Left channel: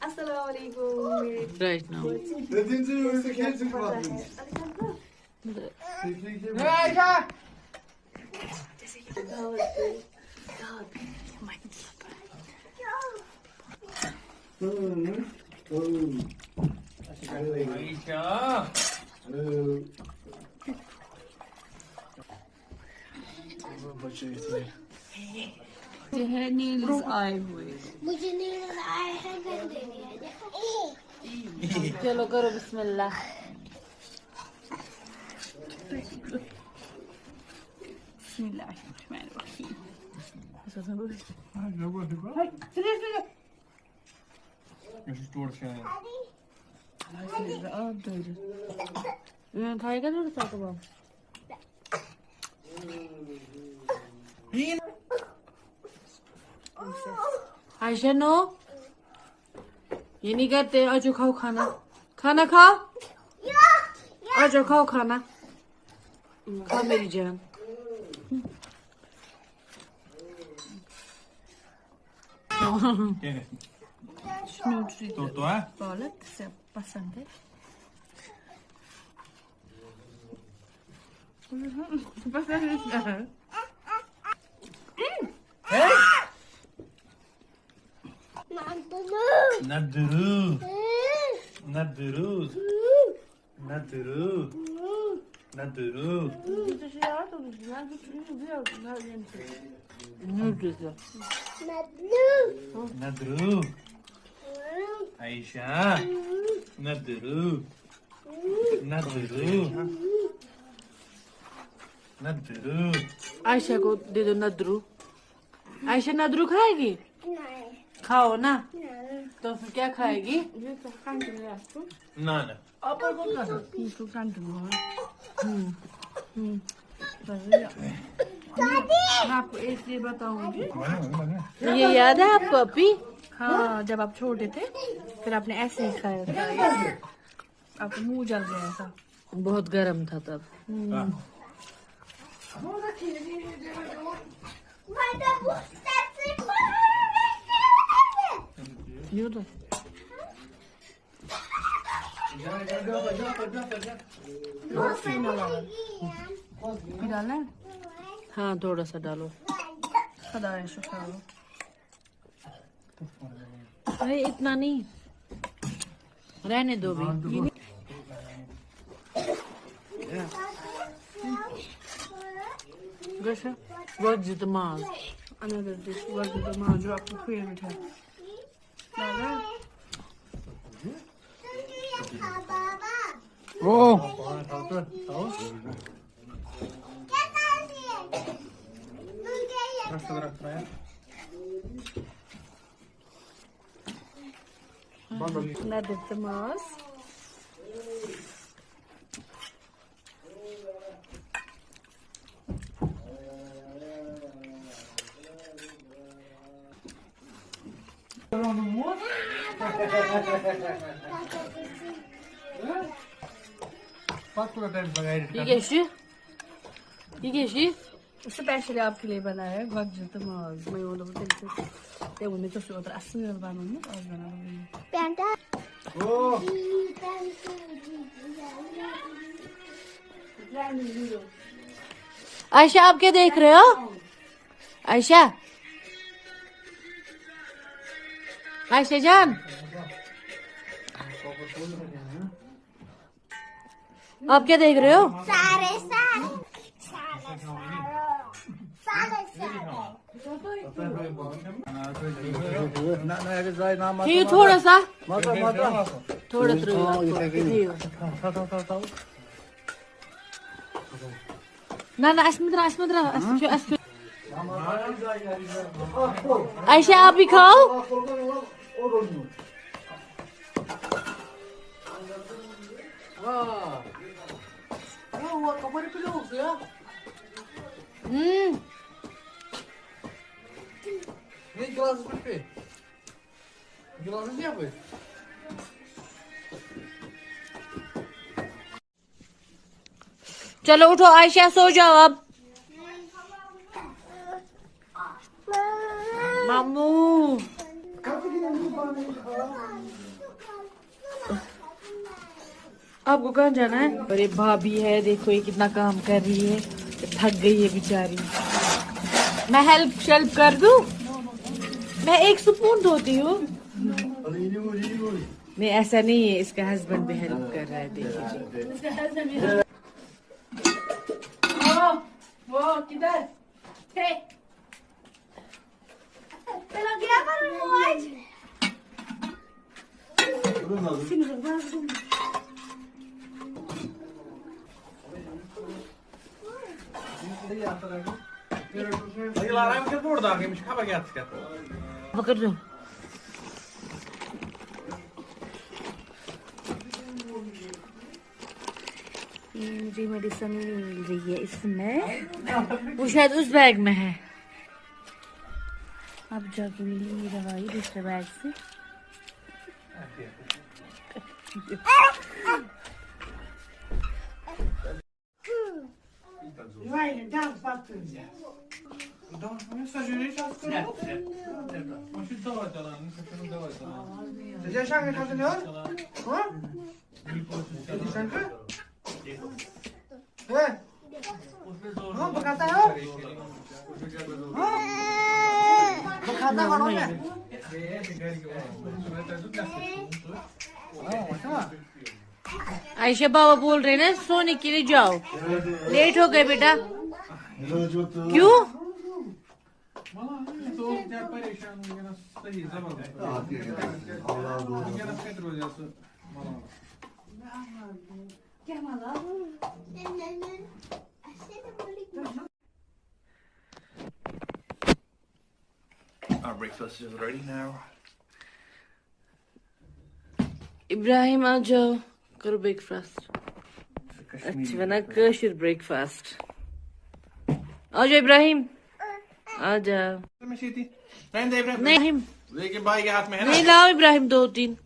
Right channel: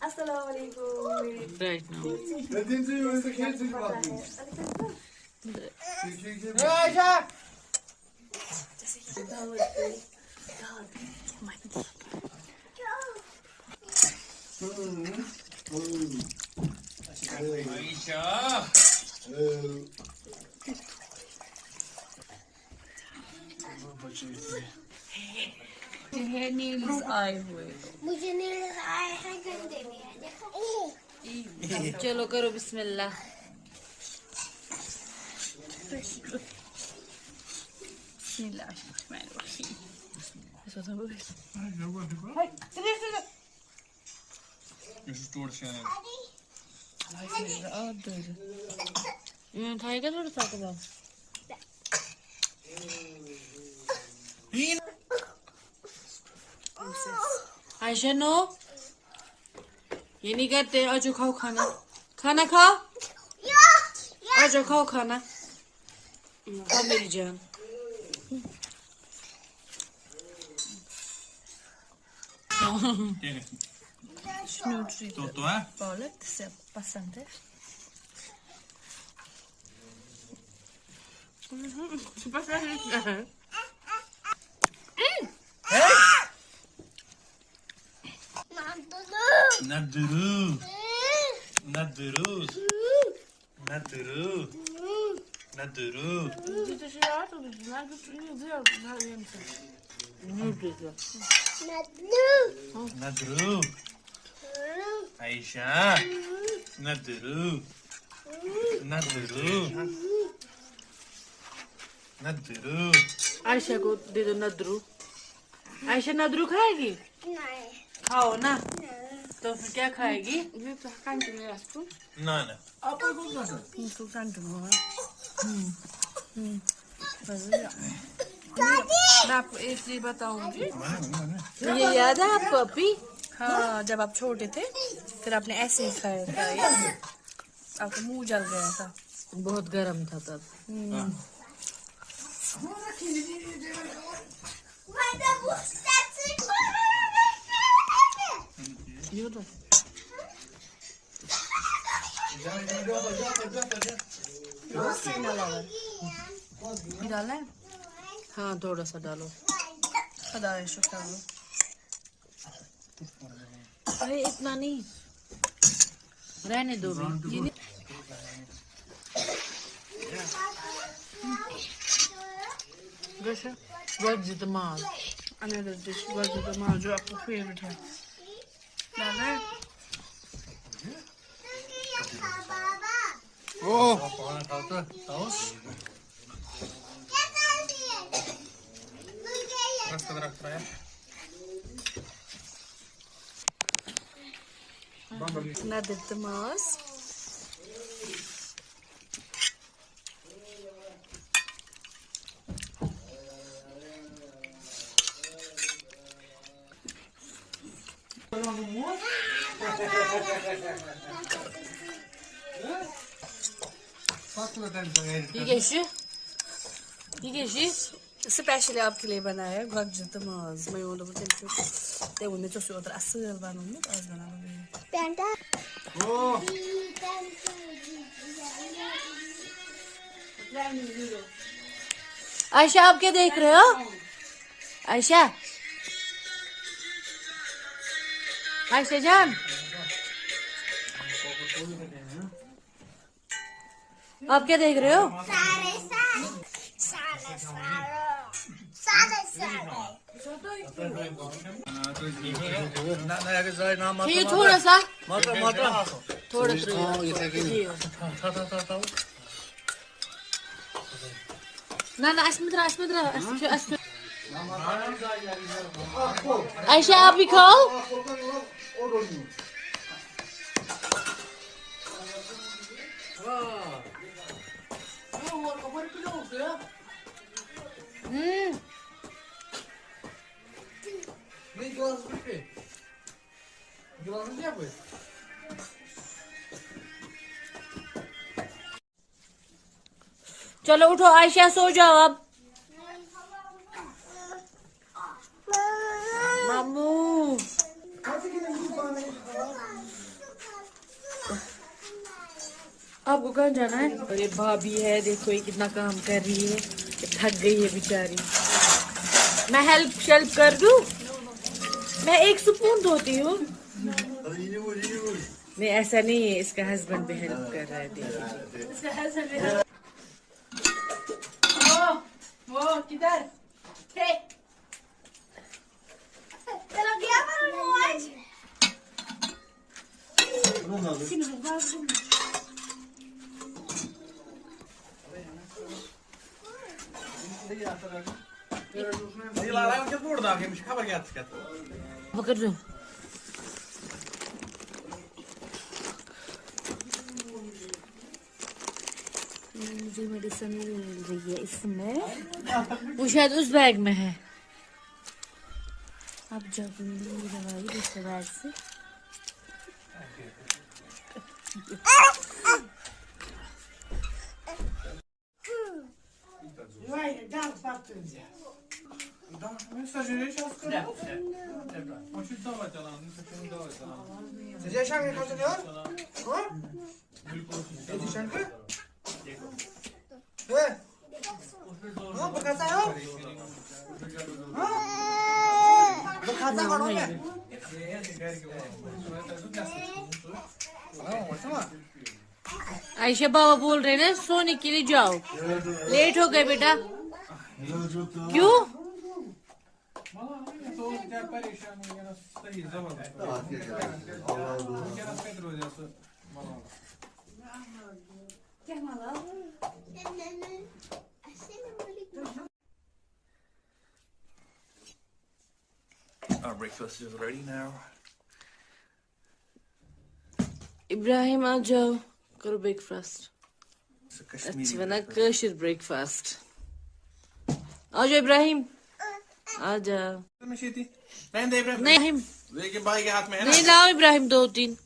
Assalamualaikum. Right now. Niels आए हुए मुझे नील्स आए हैं गंदे में। चलो करो बिस्मिल्लाह। खाएगा थोड़ा सा कबाब। आयशा नो, ये नहीं करते। आज खाओ खाना, खाना खाओ। आज खाओ खाना, खाओ मेरी जान। Tutto, eh? Toilet, passante. Naduru. Naduru. Naduru. Naduru. Naduru. Aisha. Naduru. Naduru. Naduru. Ayesha को दे दो नदरू। आयशा नदरू खाएगी? खाओ ना। तो फिर क्या खाएगी? No, no. मैं आपको इसलिए बताऊंगी। ये याद है आपको अभी? हाँ, जब आप छोटे थे फिर आपने ऐसे ही खाया था। आपका मुंह जल गया था, बहुत गर्म था तब। डाला है? हाँ, थोड़ा सा डालो। अरे इतना नहीं, रहने दो भी। वज़्दमाल, another dish, वज़्दमाल जो आपको फेवरेट है। Oh! Another tamas. Especially आपके लिए बनाया है वक्त तमाज। मैं वो लोग चलते ये वो नीचे से उधर असर बनाने आज बनाने। पैंटा आयशा, आप क्या देख रहे हो? आयशा, आयशा जान, आप क्या देख रहे हो? ये थोड़ा सा थोड़ा ना ना अस्मिद्रा आयशा, आप भी खाओ। चलो उठो आयशा, सो जाओ अब। आपको कहाँ जाना है? और ये भाभी है, देखो ये कितना काम कर रही है, थक गई है बेचारी। मैं हेल्प कर दूं? मैं एक स्पून धोती हूँ। नहीं ऐसा नहीं है, इसका हस्बैंड भी हेल्प कर रहा है, देखिए। वो किधर? चलो गया आज। पकड़ लो। मुझे मेडिसिन मिल रही है इसमें, वो शायद उस बैग में है। अब जब मिली दवाई दूसरे बैग से। आयशा बाबा बोल रहे ना सोने के लिए जाओ, लेट हो गए बेटा। क्यों? Our breakfast is ready now. Ibrahim आ जाओ, करो ब्रेकफास्ट। अच्छा बना कश्मीरी ब्रेकफास्ट। आ जाओ इब्राहिम, आ जाओ। नहीं लेकिन भाई के हाथ में है ना। नहीं लाओ इब्राहिम, 2-3।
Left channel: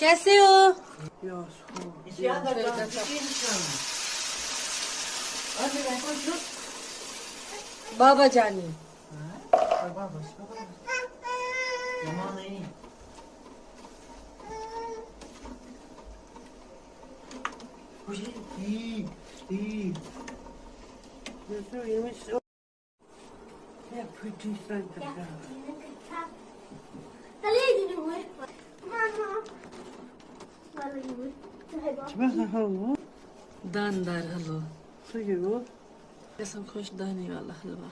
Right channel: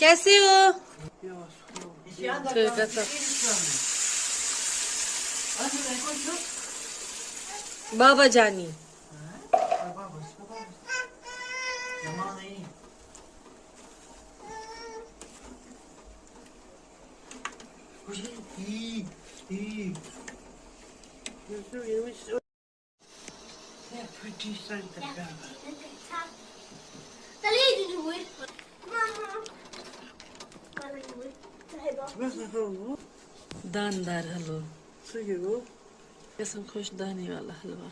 कैसे हो? बाबा जानी दानदार हलवा, कैसा खुश दाने वाला हलवा।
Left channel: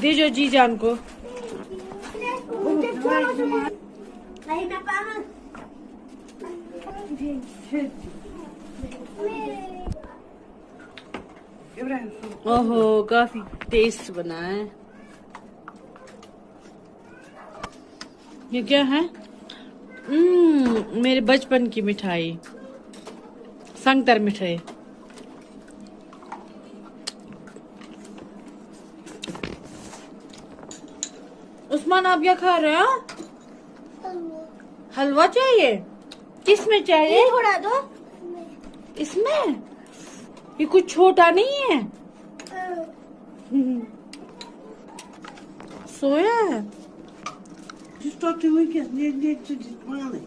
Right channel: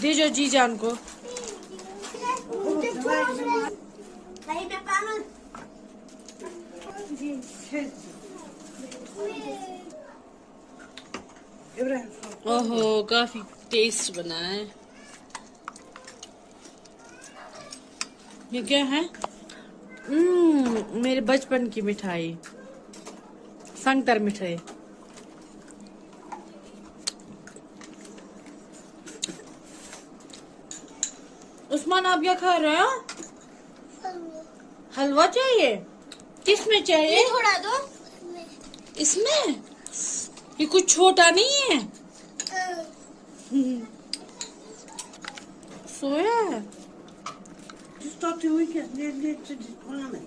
दीजो जी जान को। ओहो काफी टेस्ट बना है। ये क्या है? मेरे बचपन की मिठाई, संगतर मिठाई। उस्मान आप क्या खा रहे हो? हलवा चाहिए? किसमें चाहिए? उड़ा दो। इसमें? ये कुछ छोटा नहीं है। सोया है। Just stop the weekend. Need to money.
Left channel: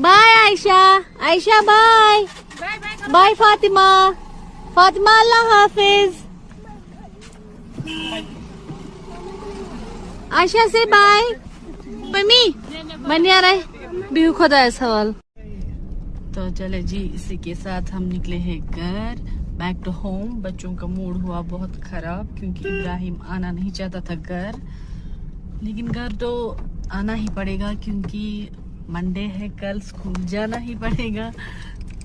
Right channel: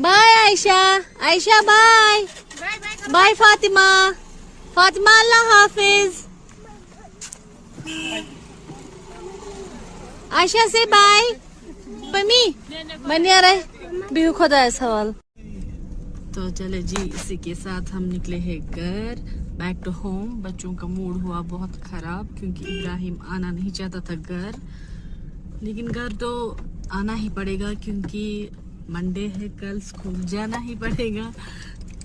Bye Ayesha, Ayesha bye bye Fatima, Fatima अल्लाह हाफिज। आयशा से बाय। मम्मी बनिया रहे बिहू खुदा सवाल। तो चले जी, इसी के साथ हम निकले हैं घर, बैक टू होम। बच्चों का मूड हुआ बहुत खराब क्योंकि इब्राहिम आना नहीं चाहता था घर, लेकिन घर तो आना ही पड़ेगा क्योंकि मंडे है, कल स्कूल जाना ही पड़ेगा।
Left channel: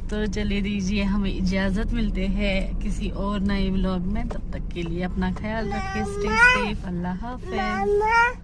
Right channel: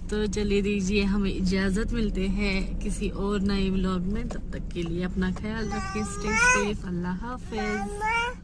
तो चलिए दीजिए हमें इजाजत, मिलते हैं किसी और नए व्लॉग में। तब तक के लिए अपना ख्याल रखें, स्टे सेफ, अल्लाह हाफिज।